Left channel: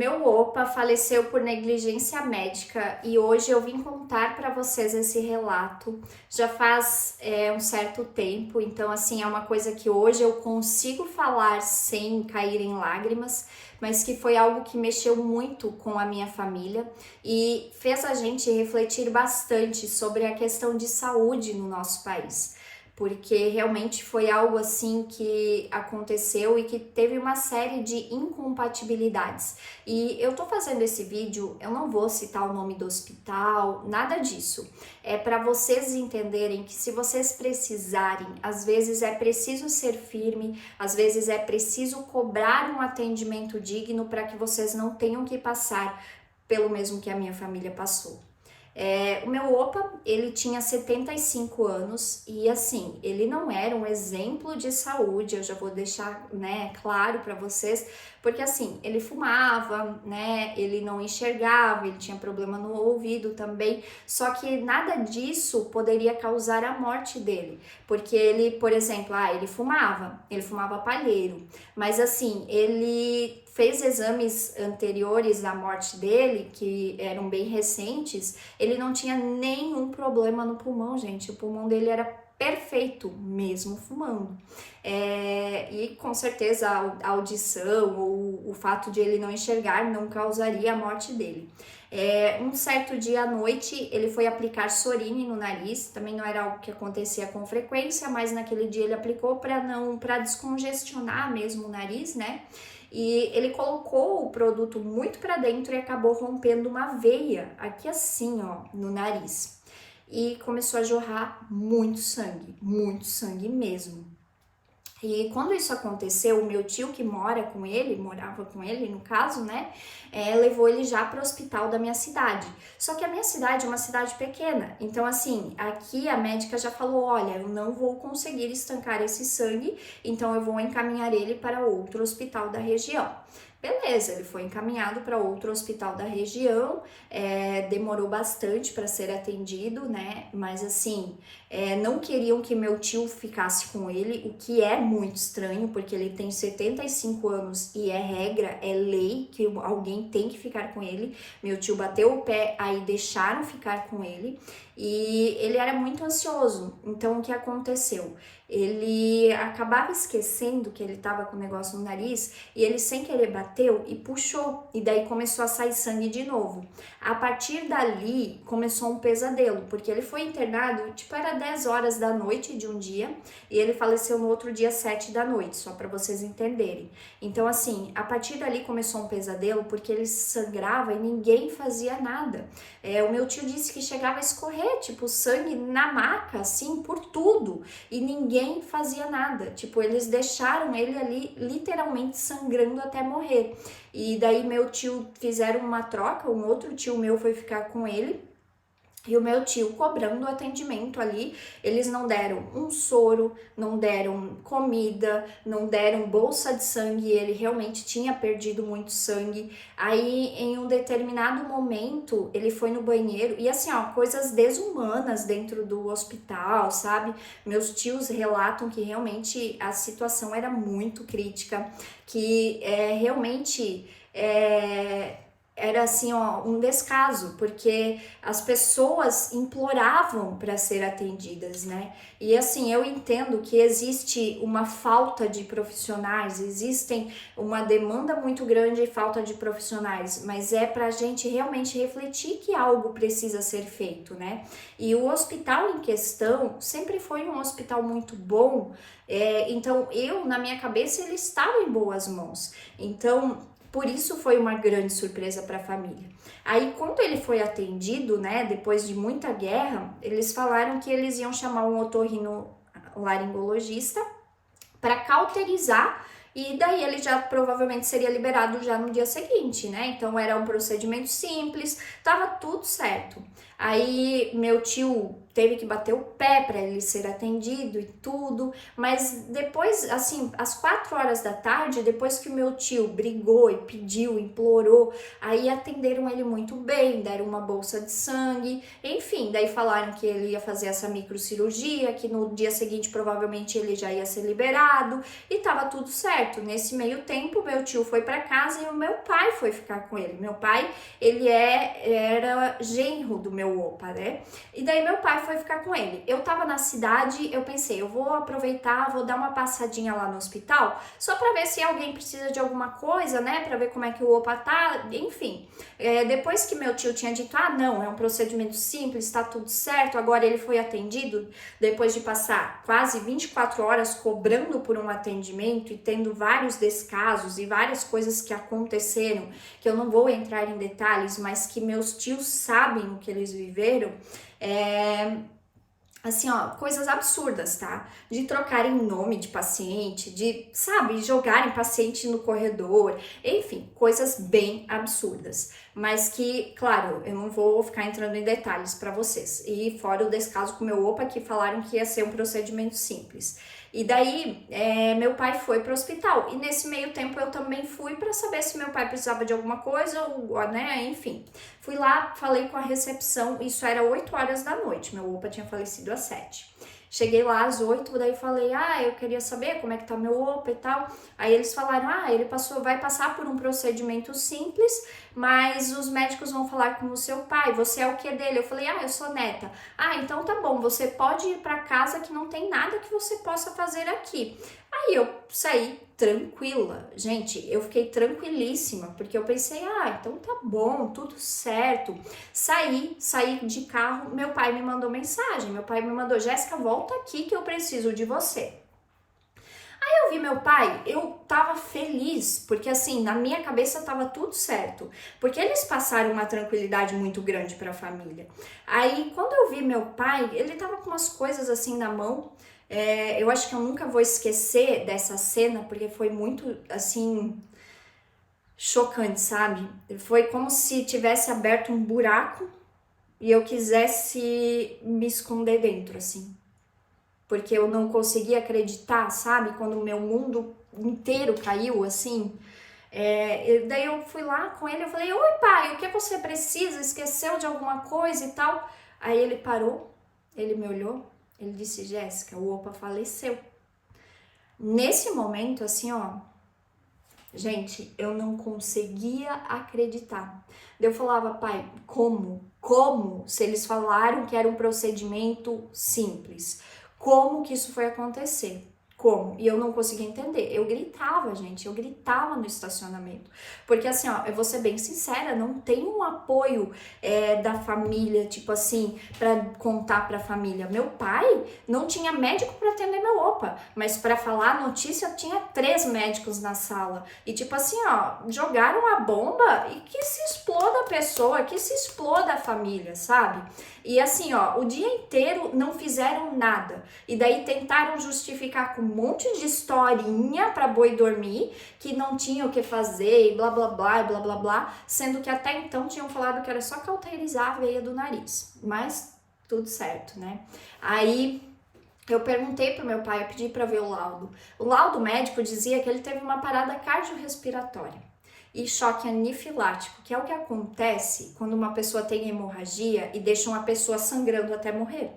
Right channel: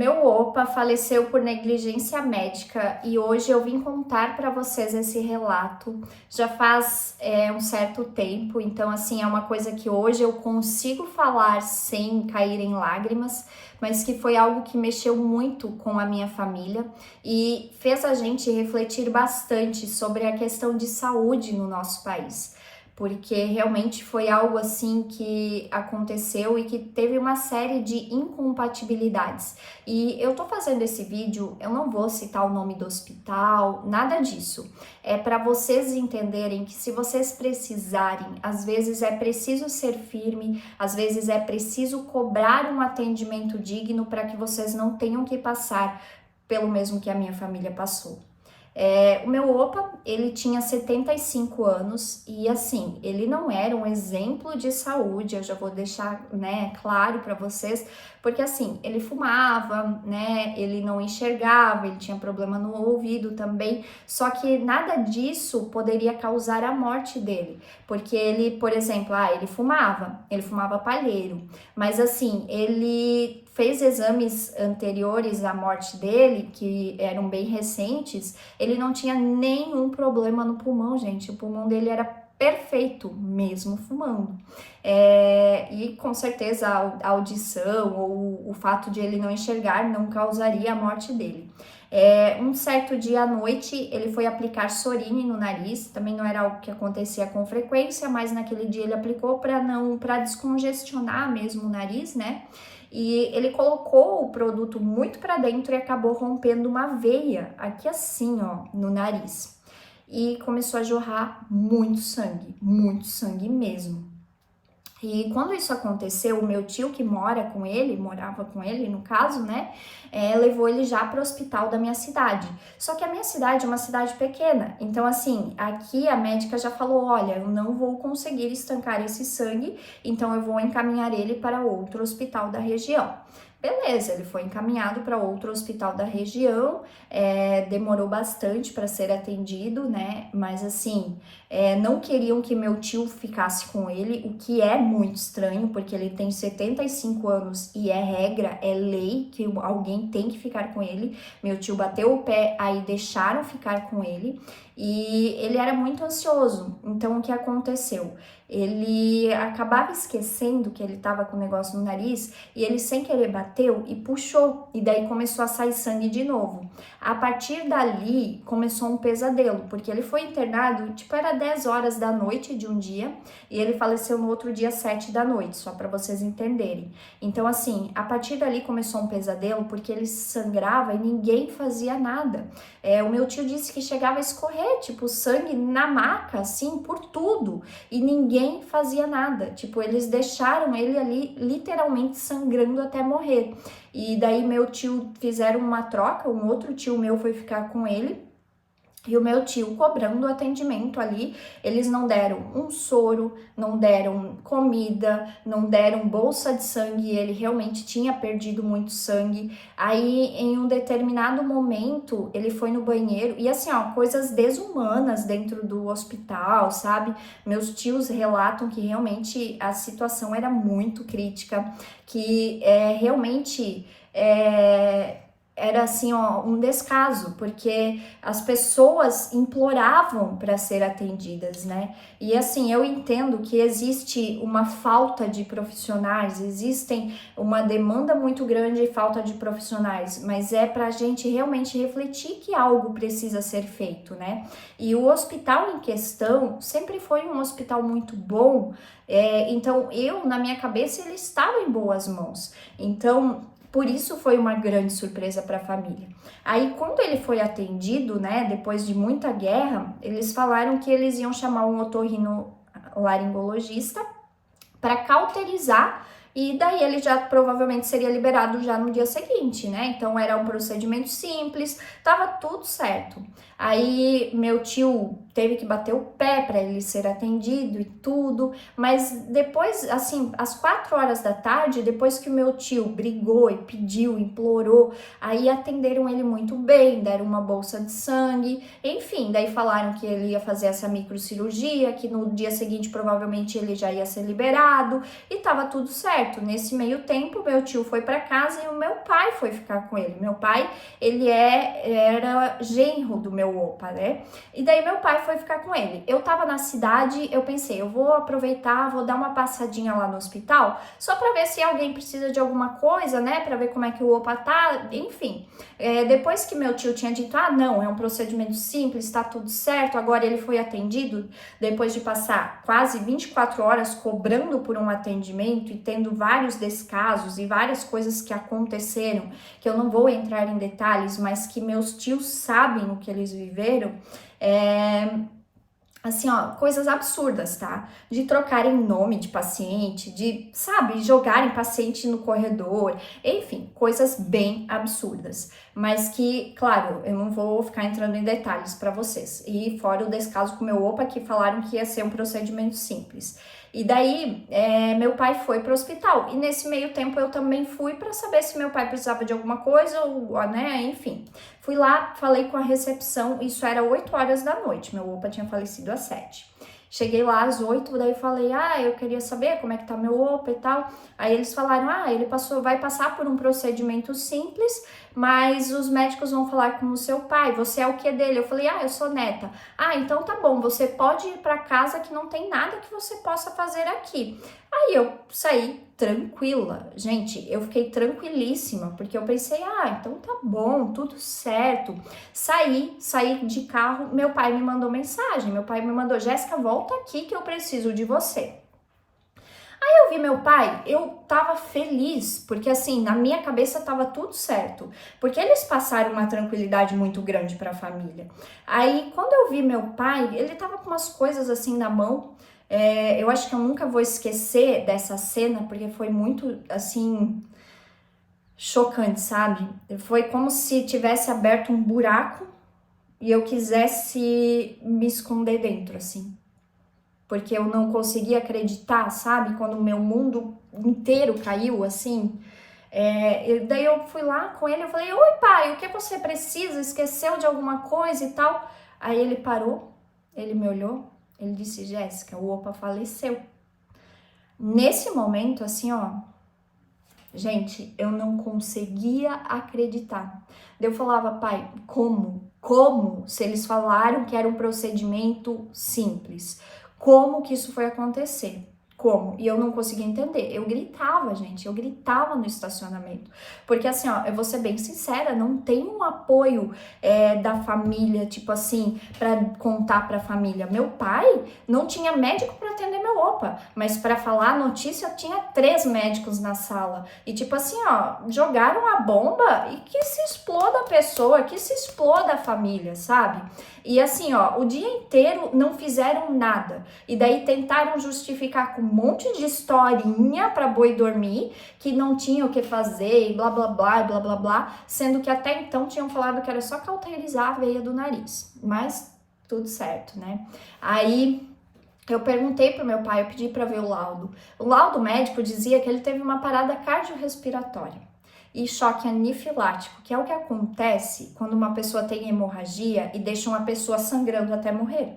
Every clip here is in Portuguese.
Meu opa faleceu por negligência médica e hoje eu vim contar para vocês esse relato. Já faz um certo tempo, então assim é uma coisa que hoje eu consigo falar sem cair em lágrimas, mas que foi algo que mexeu muito com a minha família e fez a gente refletir bastante sobre a questão de saúde no nosso país. Porque realmente foi algo assim que aconteceu e que teve uma série de incompatibilidades. E eu tô fazendo esse vídeo, eu não vou citar o nome do hospital, nada disso. É para vocês entenderem que se vocês precisarem, às vezes é preciso ser firme, às vezes é preciso cobrar um atendimento digno para que vocês não tenham que passar pelo mesmo que a minha família passou. O meu opa, ele tinha 75 anos e assim, ele não era um exemplo de saúde, eu já vou deixar, né, claro para vocês, porque assim, ele fumava, né, ele não enxergava, ele tinha problema no ouvido também, só que nada disso poderia causar a morte dele, porque ele, por exemplo, ele fumava palheiro, mas assim, ele fez exames anteriores à morte dele, que eram bem recentes, ele não tinha nenhum problema no pulmão, gente. O pulmão dele era perfeito, mesmo fumando. E com certeza a audição ou o fato de ele não enxergar não causaria a morte dele. Um certo dia à noite ele foi aplicar Sorine no nariz, também não era algo que acontecia com frequência, mas naquele dia ele aplicou para descongestionar mesmo o nariz, né? E ele colocou o produto muito para dentro e acabou rompendo uma veia aqui assim, ó, no nariz. E começou a jorrar muito sangue mesmo. E quando isso aconteceu, o meu tio que morava com ele no caso, né, levou ele já para o hospital da minha cidade. Só que a minha cidade é uma cidade pequena, então assim, aqui a médica já falou, olha, eu não vou conseguir estancar esse sangue, então eu vou encaminhar ele para outro hospital da região. Beleza, ele foi encaminhado para outro hospital da região, demorou bastante para ser atendido, né? Mas assim, não queriam que meu tio ficasse com ele, o que é muito estranho, porque ele tem 75 anos e é regra, é lei que alguém tem que ficar com ele. Meu tio bateu o pé, aí deixaram ficar com ele e ele era muito ansioso. Então, o que aconteceu? Ele acabava esquecendo que ele estava com o negócio no nariz e ele sem querer bateu e puxou, e daí começou a sair sangue de novo. A partir dali começou um pesadelo, porque ele foi internado, tipo, era 10 horas da noite de um dia e ele faleceu no outro dia 7 da noite, só para vocês entenderem. Então, assim, a partir dali começou um pesadelo porque ele sangrava e ninguém fazia nada. O meu tio disse que chegava a escorrer, tipo, sangue na maca, assim, por tudo, e ninguém fazia nada. Tipo, eles deixaram ele ali literalmente sangrando até morrer. E daí meu tio fizeram uma troca, um outro tio meu foi ficar com ele. E o meu tio cobrando o atendimento ali, eles não deram um soro, não deram comida, não deram bolsa de sangue, ele realmente tinha perdido muito sangue. Aí, em um determinado momento, ele foi no banheiro e assim, ó, coisas desumanas dentro do hospital, sabe? Meus tios relatam que realmente a situação era muito crítica, que realmente era assim, ó, um descaso, porque as pessoas imploravam para ser atendidas, né? E assim, eu entendo que existe uma falta de profissionais, existem uma demanda muito grande e falta de profissionais, mas é para a gente realmente refletir que algo precisa ser feito, né? E o hospital em questão sempre foi um hospital muito bom, então na minha cabeça, ele estava em boas mãos. Então, por isso foi uma grande surpresa para a família. Aí, quando ele foi atendido, né, depois de muita guerra, eles falaram que eles iam chamar um otorrinolaringologista para cauterizar e daí ele já provavelmente seria liberado já no dia seguinte, né? Então era um procedimento simples, tava tudo certo. Aí meu tio teve que bater o pé para ele ser atendido e tudo, mas depois, assim, às 4 horas da tarde, depois que o meu tio brigou e pediu, implorou, aí atenderam ele muito bem, deram uma bolsa de sangue, enfim, daí falaram que ele ia fazer essa microcirurgia, que no dia seguinte provavelmente ele já ia ser liberado e tava tudo certo. certo. Nesse meio tempo, meu tio foi para casa e o meu pai foi ficar com ele. Meu pai, ele era genro do meu opa, né? E daí meu pai foi ficar com ele. Eu tava na cidade, eu pensei, eu vou aproveitar, vou dar uma passadinha lá no hospital, só para ver se alguém precisa de alguma coisa, né? Para ver como é que o opa tá, enfim. Depois que meu tio tinha dito, ah, não, é um procedimento simples, tá tudo certo, agora ele foi atendido, depois de passar quase 24 horas cobrando por um atendimento e tendo vários descasos e várias coisas que aconteceram, que eu não vou entrar em detalhes, mas que meus tios sabem o que eles viveram, assim, ó, coisas absurdas, tá? De trocarem nome de paciente, de, sabe, jogarem paciente no corredor, enfim, coisas bem absurdas. Mas que, claro, eu não vou ficar entrando em detalhes para vocês. E fora o descaso com o meu opa, que falaram que ia ser um procedimento simples. E daí, meu pai foi para o hospital. E nesse meio tempo eu também fui para saber se meu pai precisava de alguma coisa, ou, né, enfim. Fui lá, falei com a recepção, isso era 8 horas da noite, meu opa tinha falecido às 7. Cheguei lá às 8, daí falei, eu queria saber como é que tá meu opa e tal. Aí eles falaram, ele vai passar por um procedimento simples, mas os médicos vão falar com o seu pai, você é o que dele? Eu falei, eu sou neta. Então tá bom, você pode ir pra casa que não tem nada que você possa fazer aqui. Aí eu saí tranquila, gente, eu fiquei tranquilíssima, porque eu pensei, então tá bom, tudo certo. Saí de carro, meu pai me mandou mensagem, meu pai me mandou, Jéssica, volta aqui que eu preciso de você. Aí eu vi meu pai, eu tava feliz, porque assim, na minha cabeça tava tudo certo, porque eles passaram uma tranquilidade muito grande pra família. Aí quando eu vi meu pai, ele tava com umas coisas assim na mão, eu acho que eu nunca vou esquecer dessa cena, porque foi muito, assim, chocante, sabe? Foi como se tivesse aberto um buraco e eu quisesse me esconder dentro, assim. Porque eu não conseguia acreditar, sabe? Quando o meu mundo inteiro caiu, assim. Daí eu fui lá com ele, eu falei, oi pai, o que você precisa? Esqueceu de alguma coisa e tal? Aí ele parou, ele me olhou, ele disse, Jéssica, o opa faleceu. Nesse momento, assim, ó, gente, eu não conseguia acreditar. Eu falava, pai, como? Como? Se eles falaram que era um procedimento simples, como que isso foi acontecer? Como? E eu não conseguia entender. Eu gritava, gente, eu gritava no estacionamento. Porque assim, ó, eu vou ser bem sincera, não tem um apoio da família, tipo assim, pra contar pra família. Meu pai não tinha médico pra atender meu opa, mas pra falar a notícia tinha 3 médicos na sala. E tipo assim, ó, jogaram a bomba e que se exploda a pessoa, que se exploda a família, sabe? E assim, ó, o dia inteiro não fizeram nada. E daí tentaram justificar com um monte de historinha para boi dormir, que não tinha o que fazer, e blá blá blá, e blá blá blá, sendo que até então tinham falado que era só cauterizar a veia do nariz. Mas tudo certo, né? Aí eu perguntei pro meu pai, eu pedi para ver o laudo. O laudo médico dizia que ele teve uma parada cardiorrespiratória e choque anafilático, que é o que acontece quando uma pessoa tem hemorragia e deixa uma pessoa sangrando até morrer.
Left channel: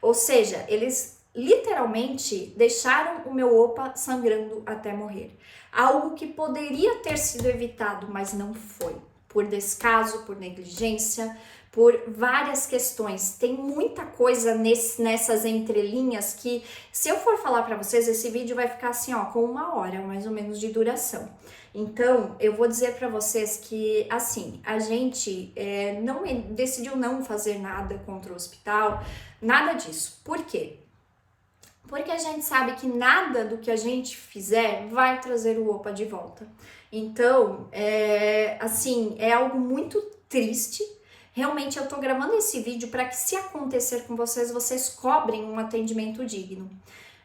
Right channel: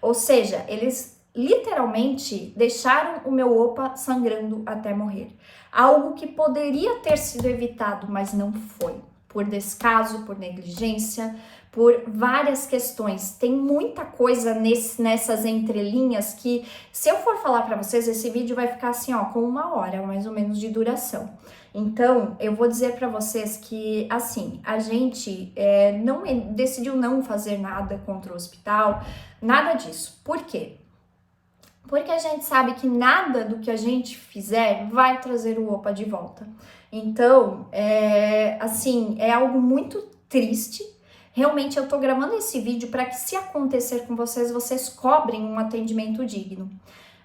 Ou seja, eles literalmente deixaram o meu opa sangrando até morrer. Algo que poderia ter sido evitado, mas não foi. Por descaso, por negligência, por várias questões. Tem muita coisa nessas entrelinhas que, se eu for falar para vocês, esse vídeo vai ficar assim, ó, com 1 hora, mais ou menos, de duração. Então, eu vou dizer para vocês que, assim, a gente decidiu não fazer nada contra o hospital, nada disso. Por quê? Porque a gente sabe que nada do que a gente fizer vai trazer o opa de volta. Então, assim, é algo muito triste. Realmente, eu tô gravando esse vídeo para que, se acontecer com vocês, vocês cobrem um atendimento digno.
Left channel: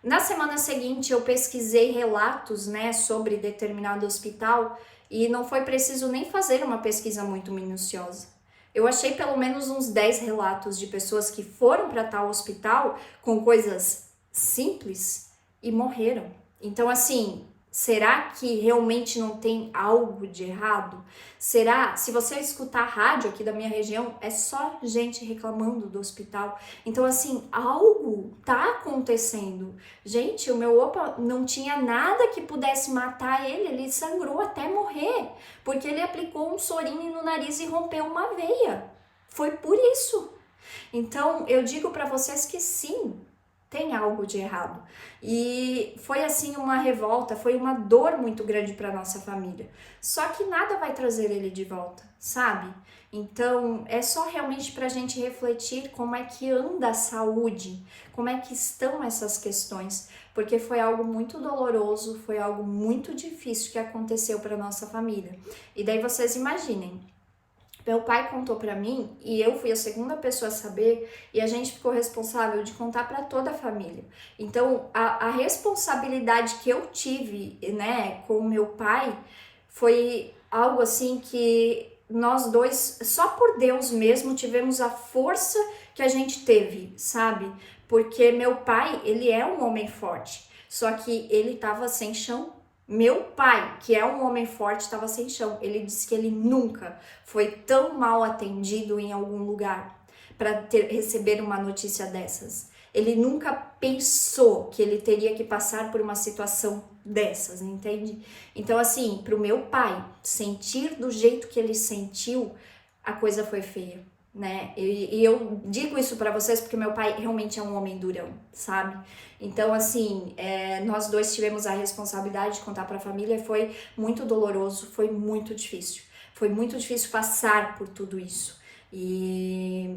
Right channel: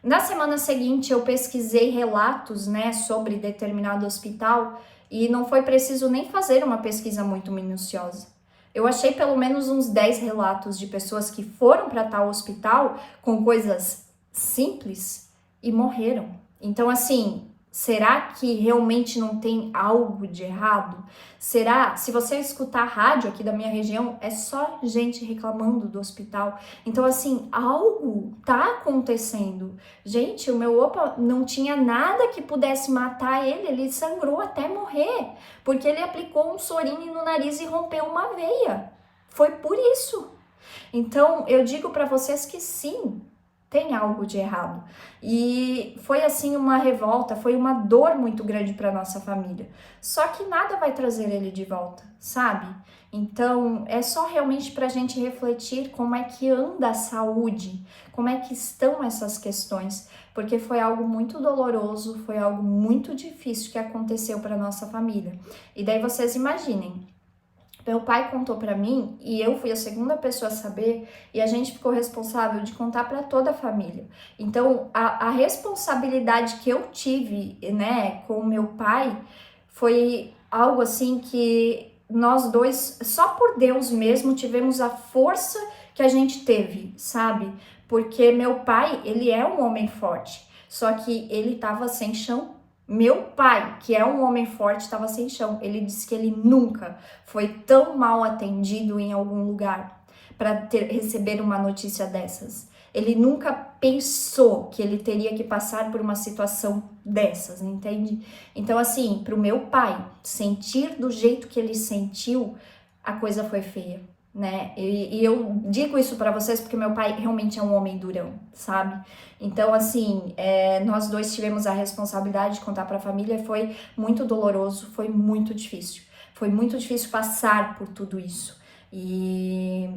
Na semana seguinte, eu pesquisei relatos, né, sobre determinado hospital e não foi preciso nem fazer uma pesquisa muito minuciosa. Eu achei pelo menos uns 10 relatos de pessoas que foram para tal hospital com coisas simples e morreram. Então, assim, Será que realmente não tem algo de errado? Será? Se você escutar rádio aqui da minha região, é só gente reclamando do hospital. Então, assim, algo tá acontecendo. Gente, o meu opa não tinha nada que pudesse matar ele sangrou até morrer, porque ele aplicou um Sorine no nariz e rompeu uma veia. Foi por isso. Então, eu digo para vocês que sim, tem algo de errado. E foi assim uma revolta, foi uma dor muito grande para nossa família. Só que nada vai trazer ele de volta, sabe? Então, é só realmente para a gente refletir como é que anda a saúde, como é que estão essas questões, porque foi algo muito doloroso, foi algo muito difícil que aconteceu para nossa família. E daí vocês imaginem, meu pai contou para mim e eu fui a segunda pessoa a saber e a gente ficou responsável de contar para toda a família. Então, a responsabilidade que eu tive, né, com meu pai foi algo assim que nós dois, só por Deus mesmo, tivemos a força que a gente teve, sabe? Porque meu pai, ele é um homem forte, só que ele tava sem chão. Meu pai, que é um homem forte, estava sem chão. Ele disse que ele nunca foi tão mal atendido em algum lugar para receber uma notícia dessas. Ele nunca pensou que ele teria que passar por uma situação dessas, entende? Então, assim, para o meu pai sentir do jeito que ele sentiu, a coisa foi feia, né? E eu digo isso para vocês porque meu pai realmente é um homem durão, sabe? Então, assim, nós dois tivemos a responsabilidade de contar para a família, foi muito doloroso, foi muito difícil. Foi muito difícil passar por tudo isso. E,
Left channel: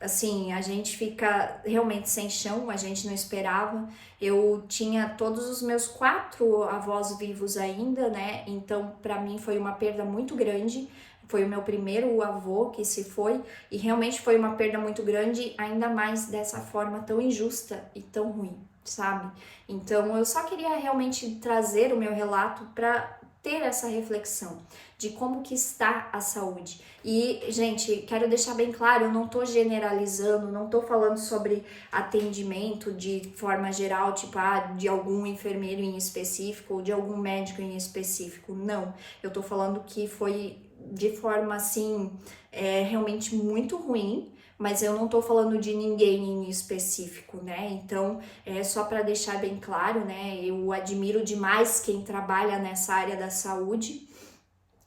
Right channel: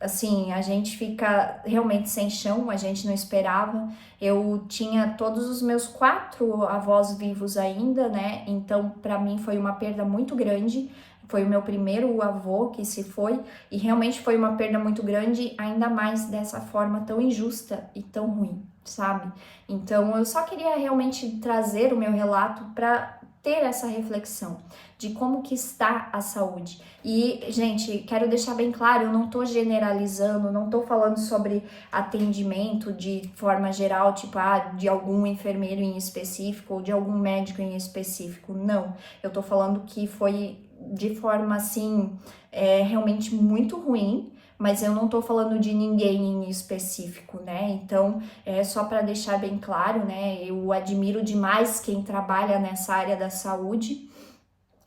assim, a gente fica realmente sem chão, a gente não esperava. Eu tinha todos os meus 4 avós vivos ainda, né? Então, para mim foi uma perda muito grande. Foi o meu primeiro avô que se foi e realmente foi uma perda muito grande, ainda mais dessa forma tão injusta e tão ruim, sabe? Então eu só queria realmente trazer o meu relato para ter essa reflexão de como que está a saúde. E, gente, quero deixar bem claro, eu não tô generalizando, não tô falando sobre atendimento de forma geral, tipo, de algum enfermeiro em específico ou de algum médico em específico, não. Eu tô falando que foi de forma, assim, realmente muito ruim, mas eu não tô falando de ninguém em específico, né? Então, só para deixar bem claro, né? Eu admiro demais quem trabalha nessa área da saúde,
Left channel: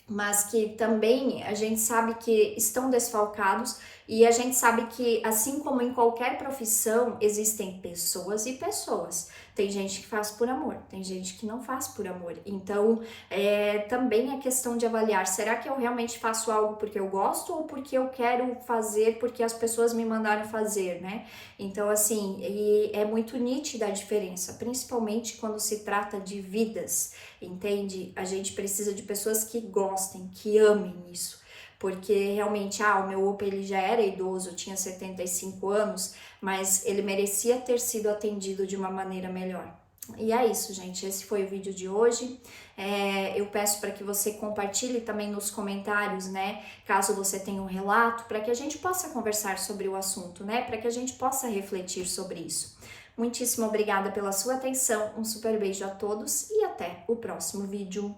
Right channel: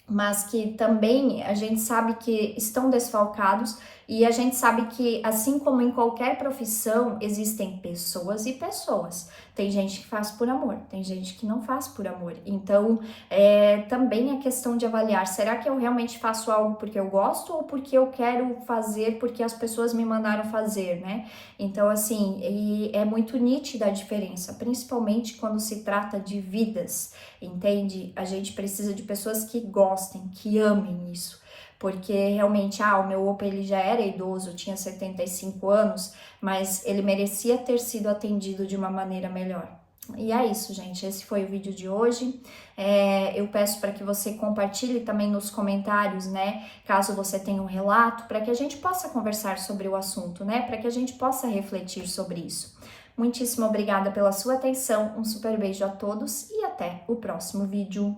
mas que também a gente sabe que estão desfalcados e a gente sabe que, assim como em qualquer profissão, existem pessoas e pessoas. Tem gente que faz por amor, tem gente que não faz por amor. Então, também é questão de avaliar, será que eu realmente faço algo porque eu gosto ou porque eu quero fazer porque as pessoas me mandaram fazer, né? Então, assim, é muito nítida a diferença, principalmente quando se trata de vidas, entende? A gente precisa de pessoas que gostem, que amem isso. Porque realmente, o meu opa, ele já era idoso, tinha 75 anos, mas ele merecia ter sido atendido de uma maneira melhor. E é isso, gente, esse foi o vídeo de hoje. Eu peço para que você compartilhe também nos comentários, né, caso você tenha um relato, para que a gente possa conversar sobre o assunto, né, para que a gente possa refletir sobre isso. Muitíssimo obrigada pela sua atenção, um super beijo a todos e até o próximo vídeo.